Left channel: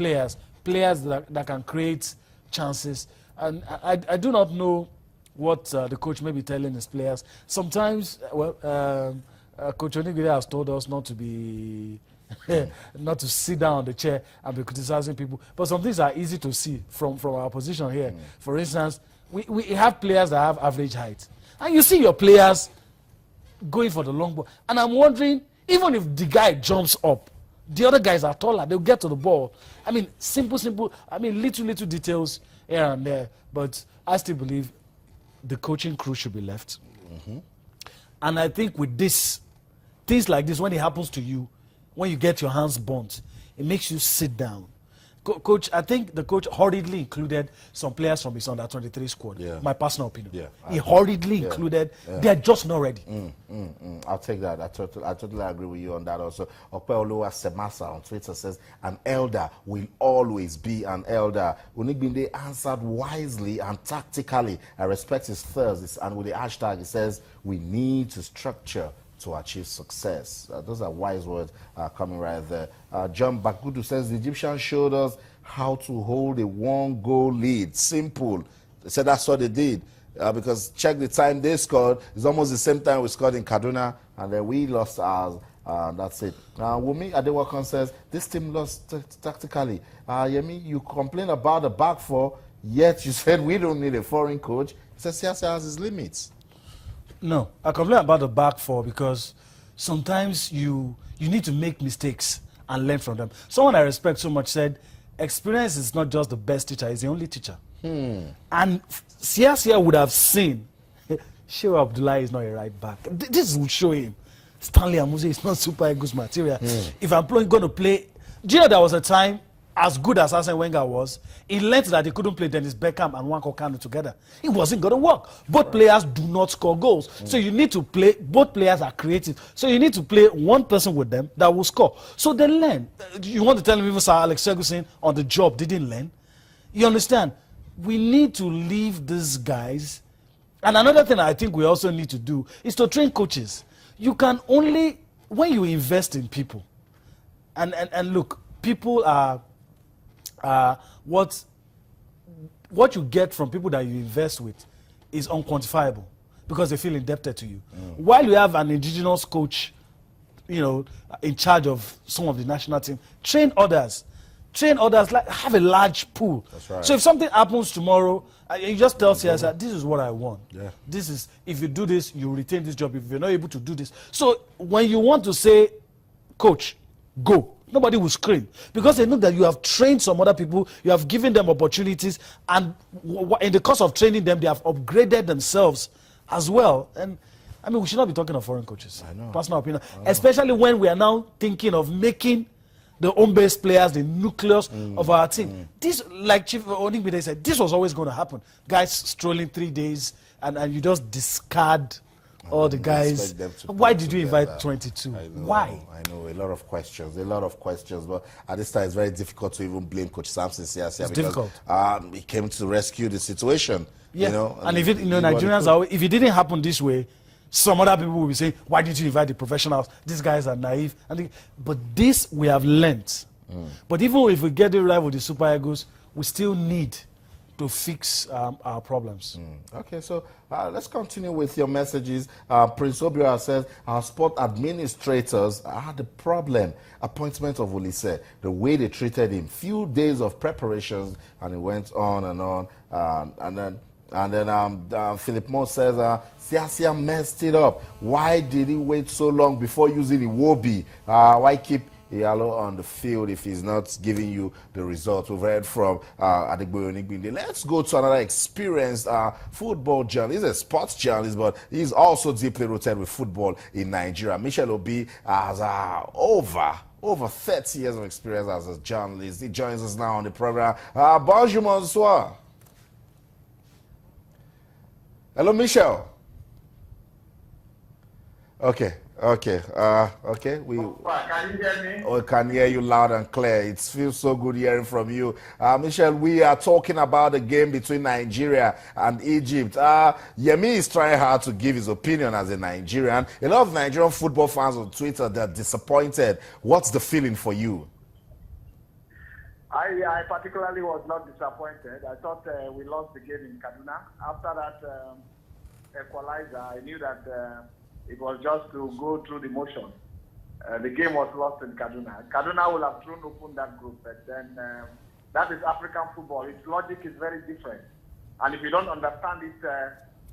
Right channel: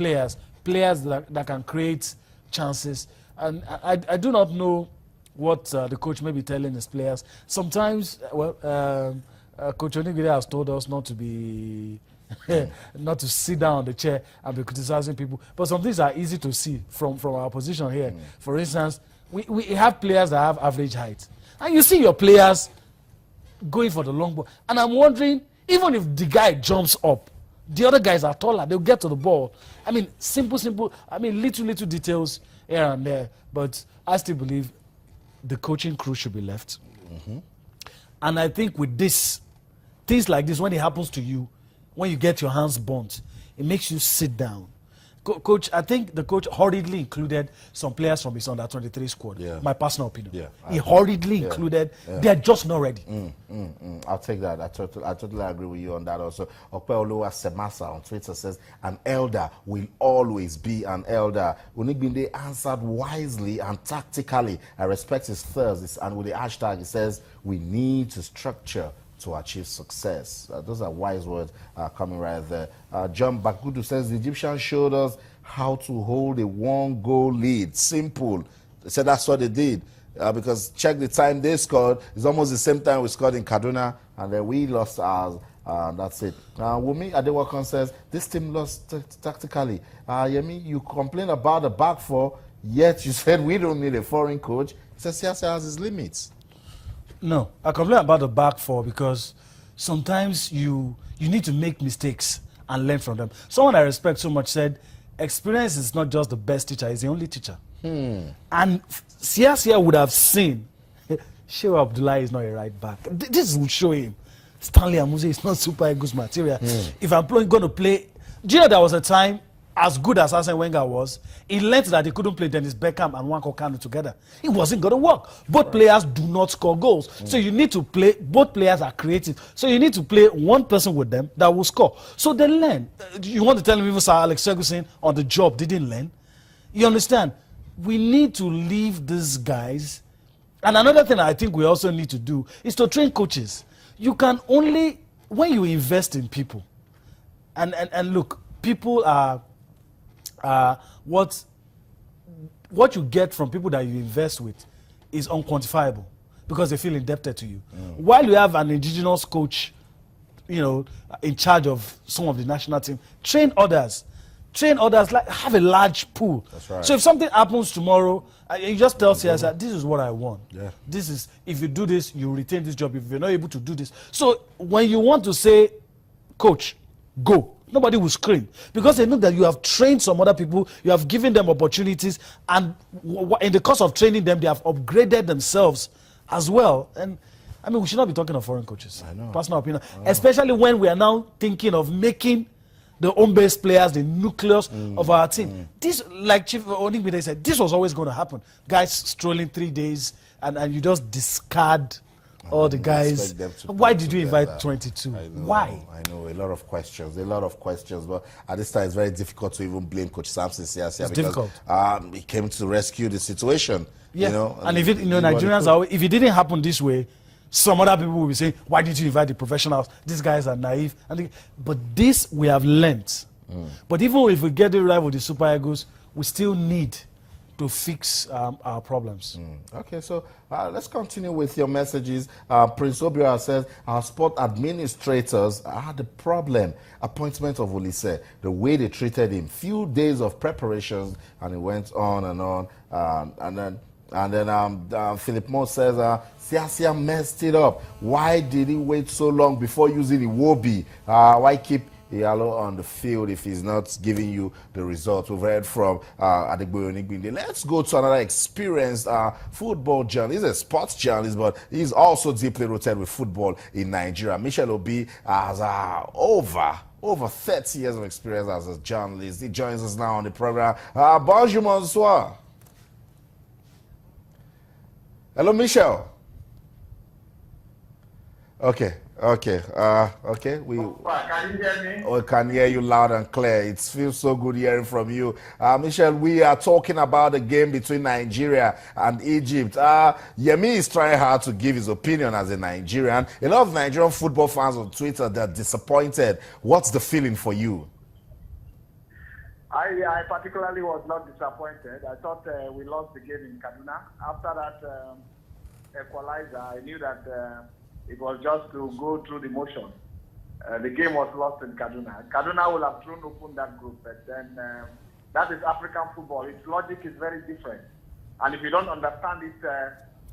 players that can create chances. And I do not know what the coach may be telling his players. Sometimes, Coach Onigiri has told us not to be, not to sit down on the chair and be criticizing people. But some things are easy to see from our position here. For instance, we have players that have average height. And you see your players going for the long ball. And I'm wondering, even if the guy jumps up, the other guys are taller, they'll get to the ball. I mean, simple, little details here and there. But I still believe the coaching crew should be left. And I think with this, things like this, when it happens to you, when you get your hands burnt, it makes you sit down. Coach, I think the coach hurriedly included some players from his under-23 squad. My personal opinion. He hurriedly included. They're just not ready. I'll take that. I totally agree with you on that also. Opeoluwa Semasa on Twitter says, an elder will always be an elder. Unigbinde answered wisely and tactically. I respect his thirst. And with the hashtag, he says, we need to structure to achieve success. Those are wise words coming right there. John Bakudu says, the Egyptians showed us how to hold a 1-goal lead. Simple. They said that's what they did. Because check the time they scored. It's almost the same time we scored in Kaduna, and then we lost ours. That's it. Wumi Adewakan says, this team lost tactically. Yemi, you complain about the back four, yet you said we don't need a foreign coach. He says Siasa has his limits. No, I complain about the back four because sometimes you need to make mistakes and learn from them. Someone I respect so much said, experience is not just the best teacher, it's the only teacher. And Siasia would have seen, Shewa Abdullah is not a right back. This will show him. Stanley Amuze is not Super Eagles material. If I'm going to play, do you know there was a time, as good as Arsene Wenger was, he learned that he couldn't play Dennis Beckham and Nwankwo Kanu together. It wasn't going to work. Both players do not score goals. So you need to play, both players are creative. So you need to play one person with them that will score. So they learn. You want to tell me even Sir Alex Ferguson on the job didn't learn? You understand? We need to leave these guys. And another thing I think we also need to do is to train coaches. You can only, when you invest in people, and look, people are what you get from people that you invest with is unquantifiable because they feel indebted to you. While you have an indigenous coach, in charge of some of the national team, train others, like have a large pool. That's right. So if something happens tomorrow, you just tell CSR, this is what I want. This is, if you do this, you retain this job. If you're not able to do this. So when you want to say, coach, go, nobody will scream because they know that you have trained some other people, you have given them opportunities, and in the course of training them, they have upgraded themselves as well. And I mean, we should not be talking of foreign coaches. I know. Personal opinion, especially when we are now thinking of making the home-based players the nucleus of our team. This, like Chief Onigbide said, this was always going to happen. Guys strolling 3 days, and you just discard all the guys. Why did you invite 22? Why? I know, a lot of questions, but at this time it's very difficult to even blame Coach Samson Siasia because he came to rescue the situation. And if Nigerians if it didn't happen this way, some other people will be saying, why did you invite the professionals? These guys are naive. But this we have learnt. But even if we get it right with the Super Eagles, we still need to fix our problems. Okay, so let's continue with your messages. Prince Obiora says, our sport administrators had a problem. Appointment of Olise, the way they treated him, few days of preparations, and it went on and on. And then Philip Moore says, Siasia messed it up. Why did he wait so long before using Iwobi? Why keep Iyalo on the field if he's not giving you the results? We've heard from Adegboyo Onigbinde. Let's go to another experienced football journalist. He's a sports journalist, but he's also deeply rooted with football in Nigeria. Michel Obi has over 30 years of experience as a journalist. He joins us now on the program. Bonjour, bonsoir. Hello, Michel. Okay. We can hear you loud and clear. It feels so good hearing from you. Michel, we are talking about the game between Nigeria and Egypt. Yemi is trying hard to give his opinion as a Nigerian. A lot of Nigerian football fans on Twitter, they're disappointed. What's the feeling for you? I particularly was not disappointed. I thought we lost the game in Kaduna. After that equalizer, I knew that it was just to go through the motion. The game was lost in Kaduna. Kaduna will have thrown open that group, but then that is African football. Its logic is very different. And if you don't understand it,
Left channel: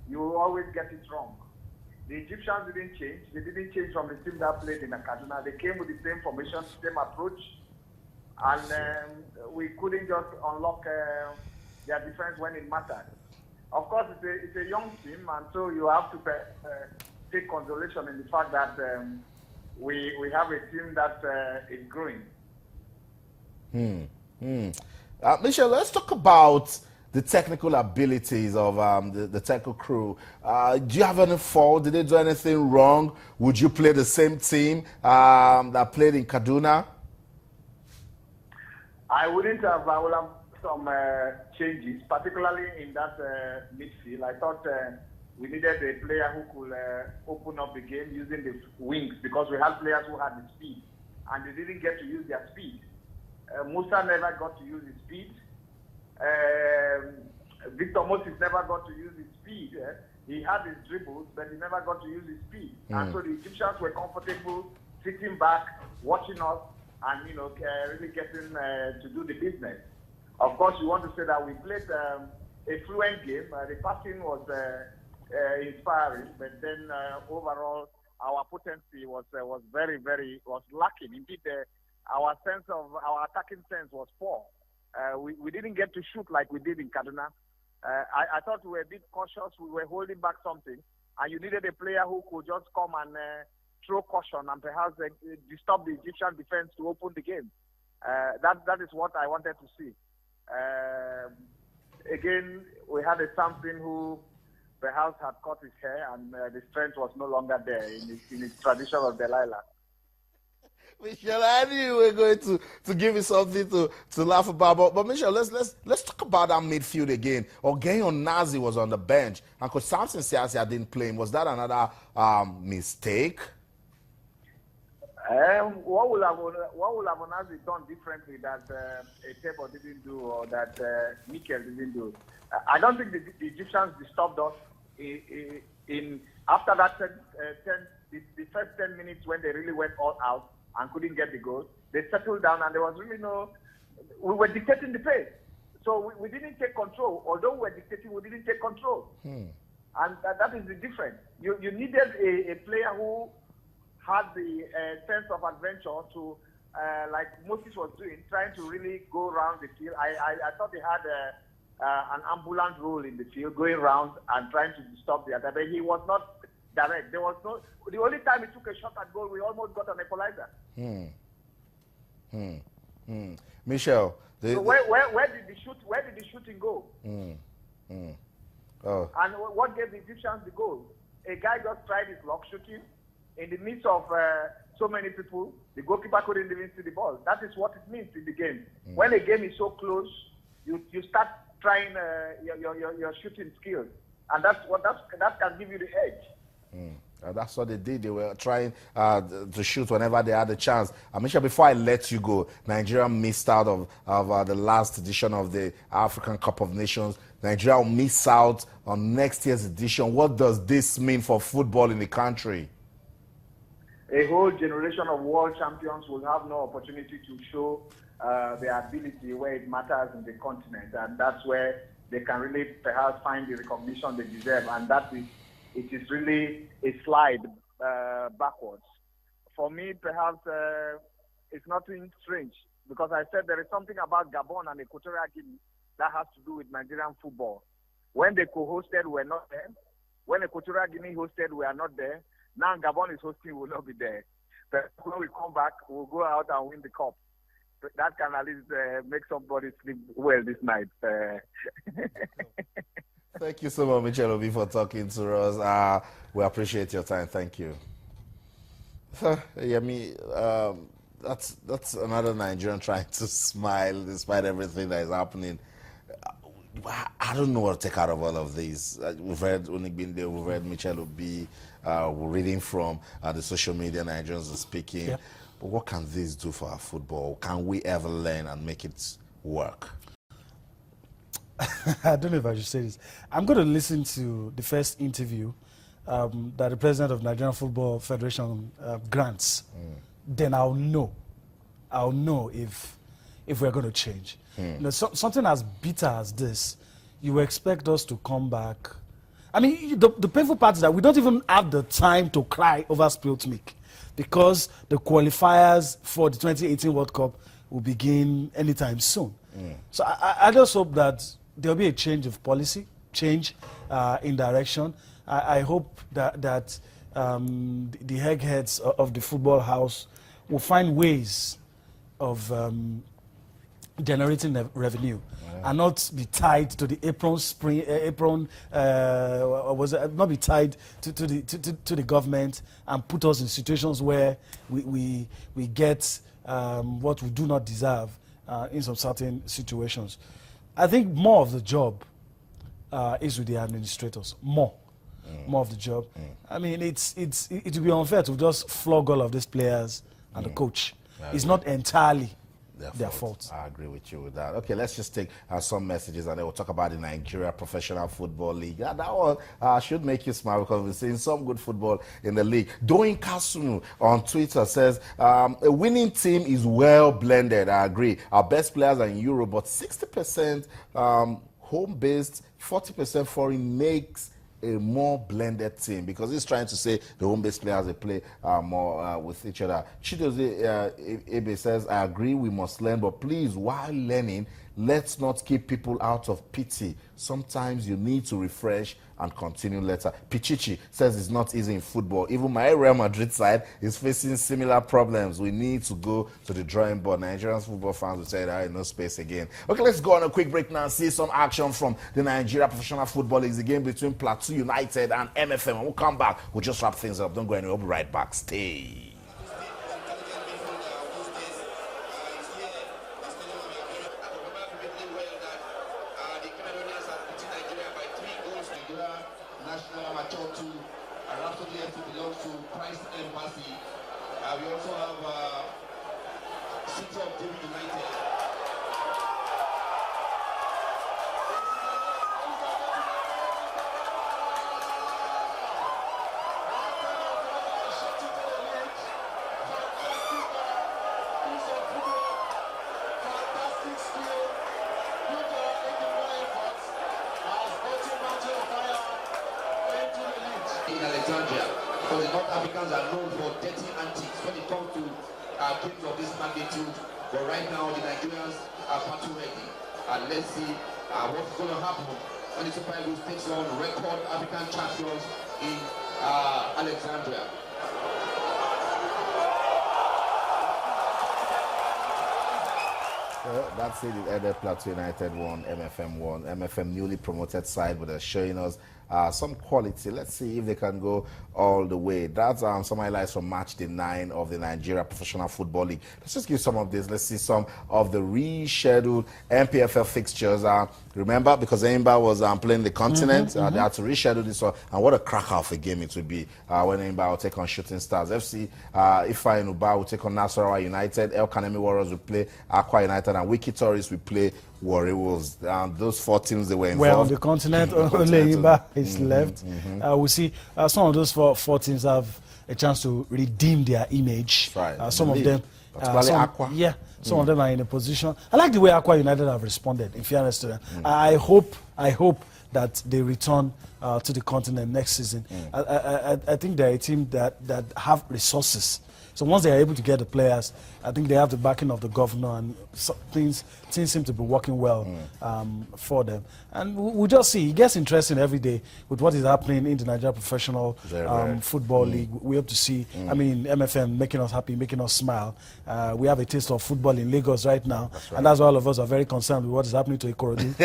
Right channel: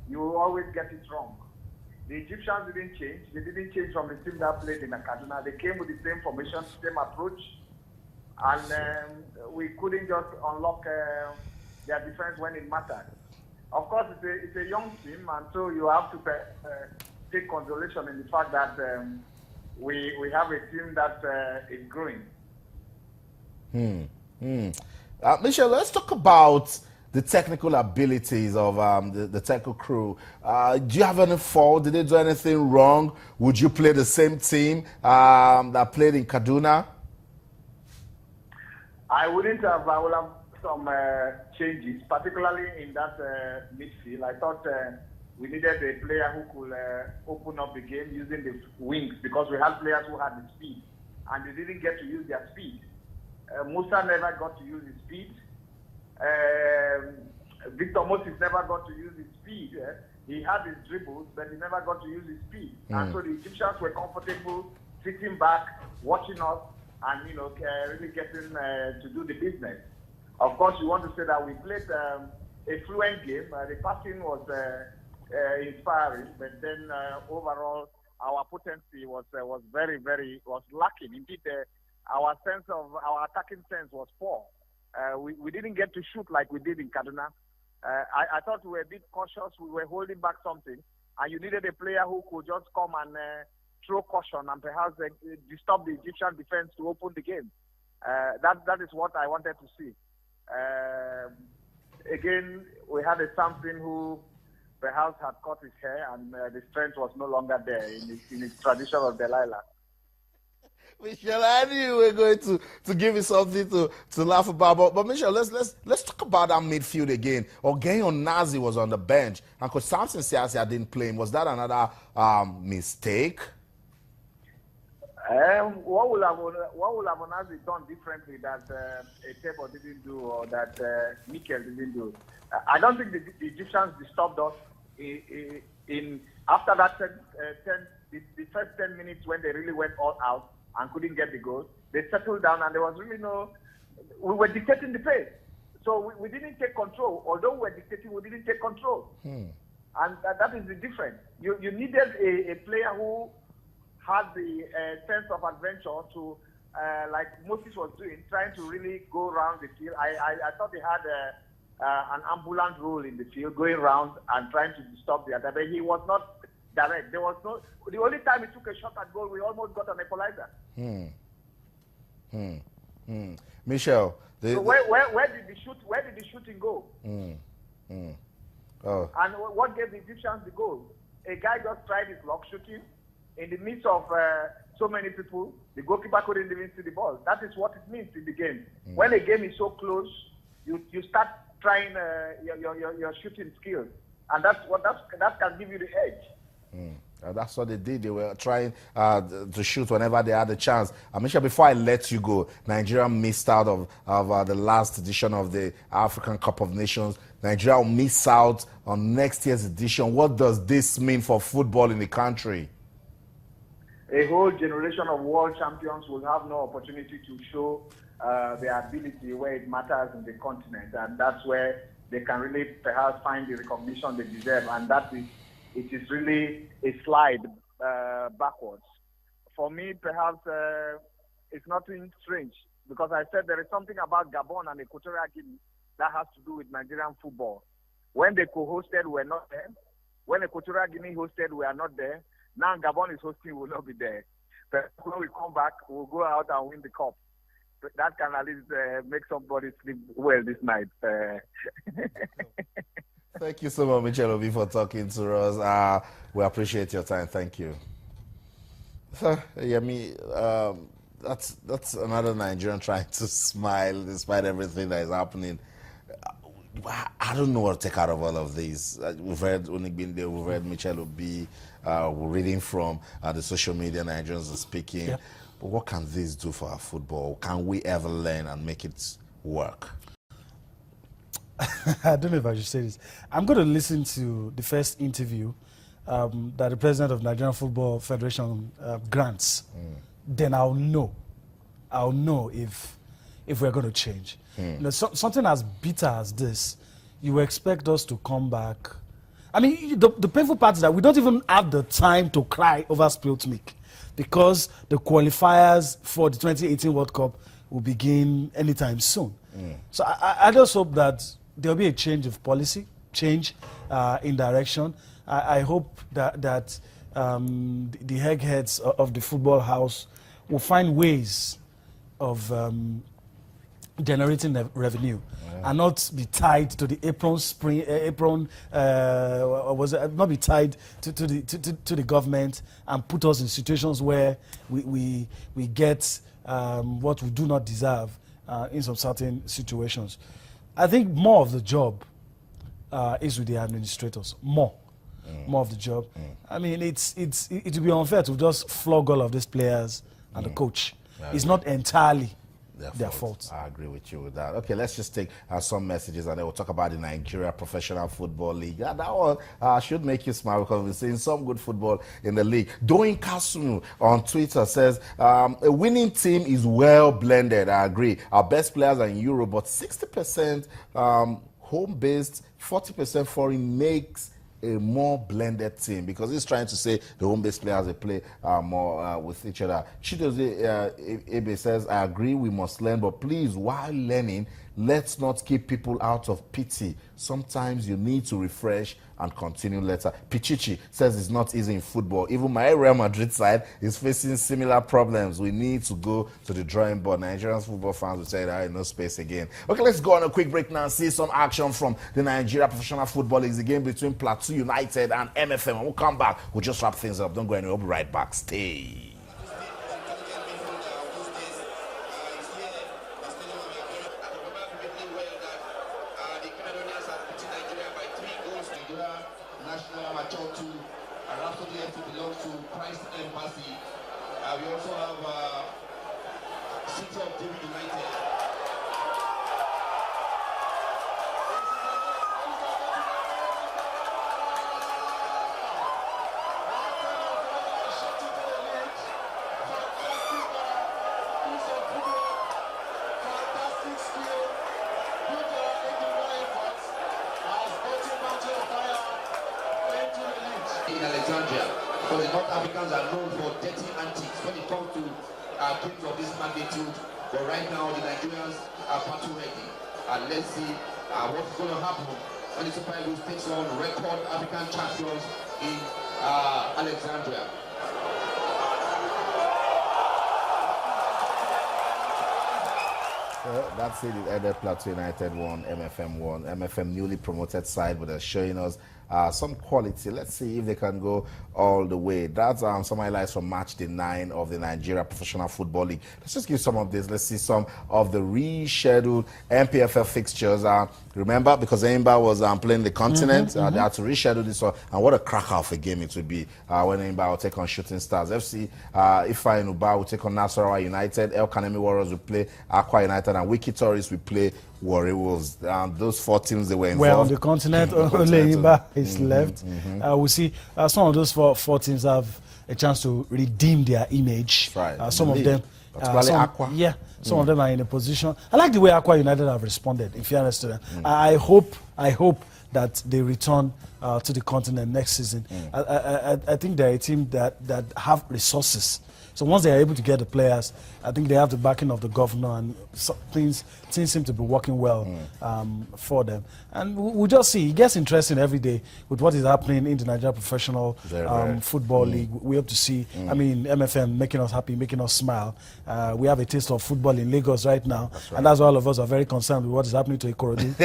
you will always get it wrong. The Egyptians didn't change. They didn't change from the team that played in Kaduna. They came with the same formation, same approach. And we couldn't just unlock their defense when it mattered. Of course, it's a young team, and so you have to take consolation in the fact that we have a team that is growing. Michelle, let's talk about the technical abilities of the technical crew. Do you have any fault? Did they do anything wrong? Would you play the same team that played in Kaduna? I wouldn't have. I would have some changes, particularly in that midfield. I thought we needed a player who could open up the game using the wings, because we had players who had the speed, and they didn't get to use their speed. Musa never got to use his speed. Victor Moses never got to use his speed. He had his dribbles, but he never got to use his speed. And so the Egyptians were comfortable sitting back, watching us, and really getting to do the business. Of course, you want to say that we played a fluent game. The passing was inspiring, but then overall our potency was very, very lacking. Indeed, our attacking sense was poor. We didn't get to shoot like we did in Kaduna. I thought we were a bit cautious. We were holding back something, and you needed a player who could just come and throw caution and perhaps disturb the Egyptian defense to open the game. That is what I wanted to see. Again, we had a Samson who perhaps had caught his hair, and the strength was no longer there in his tradition of Delilah. Michelle, I knew you were going to give me something to laugh about. But Michelle, let's talk about that midfield again. Ogenyo Nazi was on the bench, and Coach Samson Siasia didn't play him. Was that another mistake? What would Nazi done differently that Etebo didn't do, or that Mikel didn't do? I don't think the Egyptians disturbed us in after that the first 10 minutes when they really went all out and couldn't get the goal. They settled down, and there was really we were dictating the pace. So we didn't take control. Although we were dictating, we didn't take control. And that is the difference. You needed a player who had the sense of adventure to, like Moses was doing, trying to really go around the field. I thought they had an ambulant role in the field, going around and trying to stop the other. But he was not direct. There was the only time he took a shot at goal, we almost got an equalizer. Michelle, so where did the shooting go? Oh. And what gave the Egyptians the goal? A guy just tried his luck shooting in the midst of so many people. The goalkeeper couldn't even see the ball. That is what it means in the game. When a game is so close, you start trying your shooting skills, and that can give you the edge. That's what they did. They were trying to shoot whenever they had a chance. Amisha, before I let you go, Nigeria missed out of the last edition of the African Cup of Nations. Nigeria will miss out on next year's edition. What does this mean for football in the country? A whole generation of world champions will have no opportunity to show their ability where it matters in the continent, and that's where they can really perhaps find the recognition they deserve, and it is really a slide backwards. For me, perhaps it's nothing strange, because I said there is something about Gabon and Equatorial Guinea that has to do with Nigerian football. When they co-hosted, we were not there. When Equatorial Guinea hosted, we are not there. Now Gabon is hosting, we will not be there. But when we come back, we'll go out and win the cup. That can at least make somebody sleep well this night. Thank you so much, Michelle Obi, for talking to us. We appreciate your time. Thank you. That's another Nigerian trying to smile despite everything that is happening. I don't know what to take out of all of these. We've heard Onigbinde, we've heard Michelle Obi, we're reading from the social media, Nigerians are speaking. Yeah. But what can this do for our football? Can we ever learn and make it work? I don't know if I should say this. I'm going to listen to the first interview that the president of Nigerian Football Federation grants. Then I'll know if we're going to change. You know, something as bitter as this, you expect us to come back. I mean, the painful part is that we don't even have the time to cry over spilt milk, because the qualifiers for the 2018 World Cup will begin anytime soon. So I just hope that there'll be a change of policy, change in direction. I hope that the eggheads of the football house will find ways of generating revenue and not be tied to the not be tied to the government and put us in situations where we get what we do not deserve in some certain situations. I think more of the job is with the administrators. More of the job. I mean, it would be unfair to just flog all of these players and the coach. It's not entirely their fault. I agree with you with that. Okay, let's just take some messages and then we'll talk about the Nigeria Professional Football League. Yeah, that one should make you smile because we're seeing some good football in the league. Doing Kasunu on Twitter says, a winning team is well blended. I agree. Our best players are in Europe, but 60% home-based, 40% foreign makes a more blended team, because he's trying to say the home-based players, they play more with each other. Chidozie Ebe says, I agree, we must learn, but please, while learning, let's not keep people out of pity. Sometimes you need to refresh and continue later. Pichichi says it's not easy in football. Even my Real Madrid side is facing similar problems. We need to go to the drawing board. Nigerian football fans will say there is no space again. Okay, let's go on a quick break now and see some action from the Nigeria Professional Football League. The game between Plateau United and MFM. And we'll come back. We'll just wrap things up. Don't go anywhere. We'll be right back. Stay. We also have City of David United. In Alexandria, because the North Africans are known for dirty antics when it comes to games of this magnitude. But right now, the Nigerians are battle ready. And let's see what's going to happen when the Super Eagles takes on record African champions in Alexandria. Well, that's it. It ended. Plateau United won, MFM won. MFM newly promoted side, but they're showing us some quality. Let's see if they can go all the way. That's some highlights from match day 9 of the Nigeria Professional Football League. Let's just give some of this. Let's see some of the rescheduled NPFL fixtures. Remember, because Eimba was playing the continent, they had to reschedule this one. And what a cracker of a game it would be when Eimba will take on Shooting Stars. FC Ifa Inuba will take on Nasarawa United. El Kanemi Warriors will play Aqua United, and Wiki Tourists will play Warriors. Those 4 teams, they were involved. Well, on the continent, only Eimba is left. We'll see some of those four teams have a chance to redeem their image. Right. Some of them, some of them are in a position. I like the way Aqua United have responded. In fairness to them, I hope that they return to the continent next season. I think they're a team that have resources. So once they are able to get the players, I think they have the backing of the governor, and things seem to be working well for them. And we'll just see. It gets interesting every day with what is happening in the Nigeria Professional Football League. We hope to see, I mean, MFM making us happy, making us smile. We have a taste of football in Lagos right now, and that's why all of us are very concerned with what is happening to Ikorodu.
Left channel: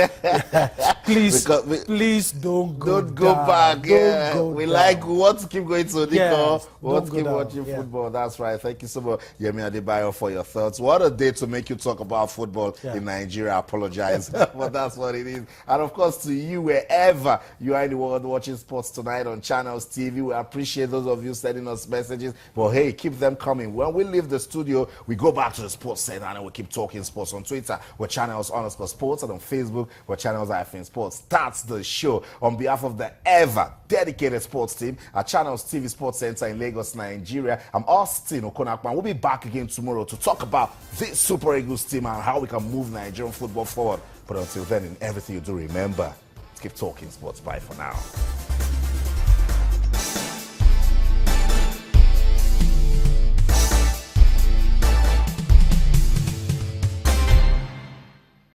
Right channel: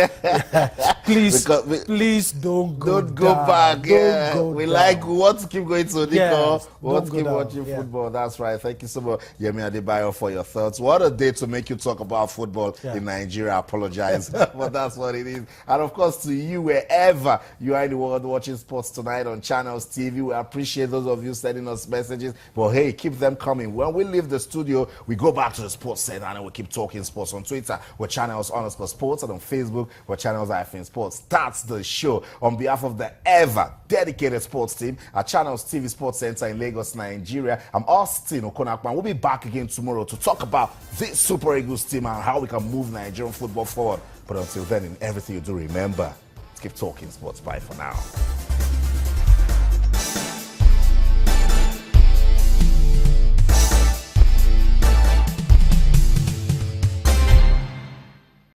Please don't go back. Don't go we down. like, we want to keep going to the Yes, we want to don't keep go watching down. football. That's right. right. Thank you so much, Yemi Adebayo, for your thoughts. What a day to make you talk about football in Nigeria. I apologize, but that's what it is. And of course, to you, wherever you are in the world watching sports tonight on Channels TV, we appreciate those of you sending us messages. But hey, keep them coming. When we leave the studio, we go back to the sports center and we keep talking sports. On Twitter, we're Channels_Sports, and on Facebook, we're Channels-Sports. That's the show. On behalf of the ever dedicated sports team at Channels TV Sports Center in Lagos, Nigeria, I'm Austin Okonakman. We'll be back again tomorrow to talk about this Super Eagles team and how we can move Nigerian football forward. But until then, in everything you do, remember, keep talking sports. Bye for now.